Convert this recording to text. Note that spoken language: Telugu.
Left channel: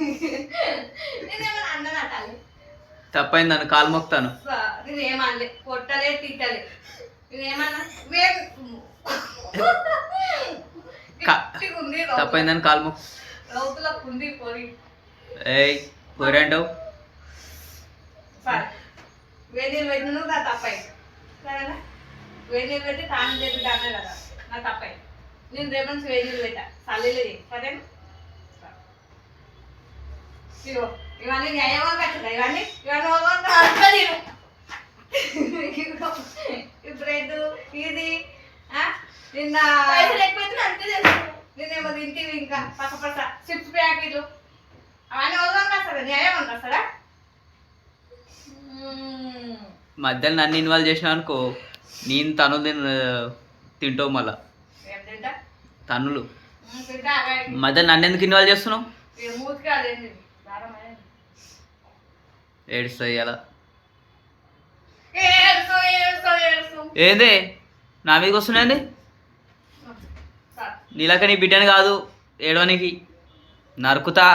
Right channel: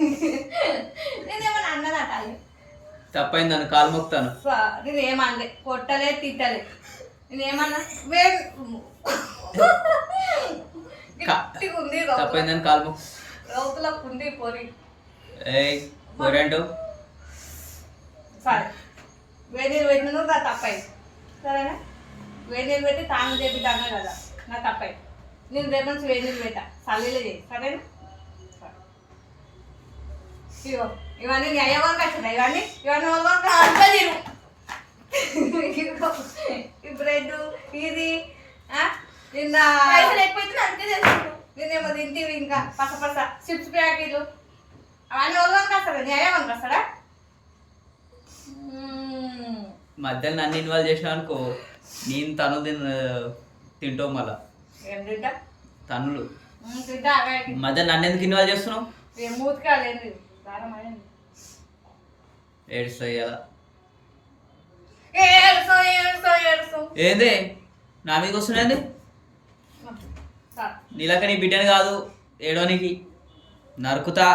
నేనేమన్నా అన్నదాటాలి తప్పైంది నన్ను కాలు మొక్తాను. నేనేమనలే, కొట్టలే, తిట్టలే. నేనేమన్నా ఉంది తప్పైందని కాలు మొక్కు. రౌతులకు ఉంది పొరి. ఏయ్ పొరి అంటావు. సరే వేడి నీళ్ళు పెట్టిన నువ్వు నా తప్పై సరేనా. వేడి నీళ్ళు పెట్టి తాను చేపిద్దానే కదా నా తప్పై. నేను రేపు నుంచి వేడి నీళ్ళు పెట్టా చల్లీలే సరేనా. ఇగో ఇవన్నీ న్యాయంగా కట్టున్నాయి. ఇవన్నీ ఇవన్నీ అంటలేను. ఈ బ్రెడ్ ఇది నిన్న ఎక్కువైతే అంతే చేస్తాను. నేనేమో తింటివి ఇంకా పస చిప్స్ ప్యాకెట్లు అవన్నీ వాళ్ళని వస్తాడా న్యాయం వస్తాడా. మధ్యలో నన్ను ఇన్వాల్వ్ చేసినా అనుకో, నేను తనులు తింటావు మళ్ళా. ఏం తింటా తన్నులు తింటా. మధ్యలో నన్ను ఎందుకు ఇన్వాల్వ్ చేస్తున్నావు? మూతికాడేంది ఏడుస్తాయి అలా. ఏడుసు ఏంది నా మీదకి వస్తున్నాయండి? నీలాక నీ బిడ్డని కాదు ఏడవనికి నరుకుతా.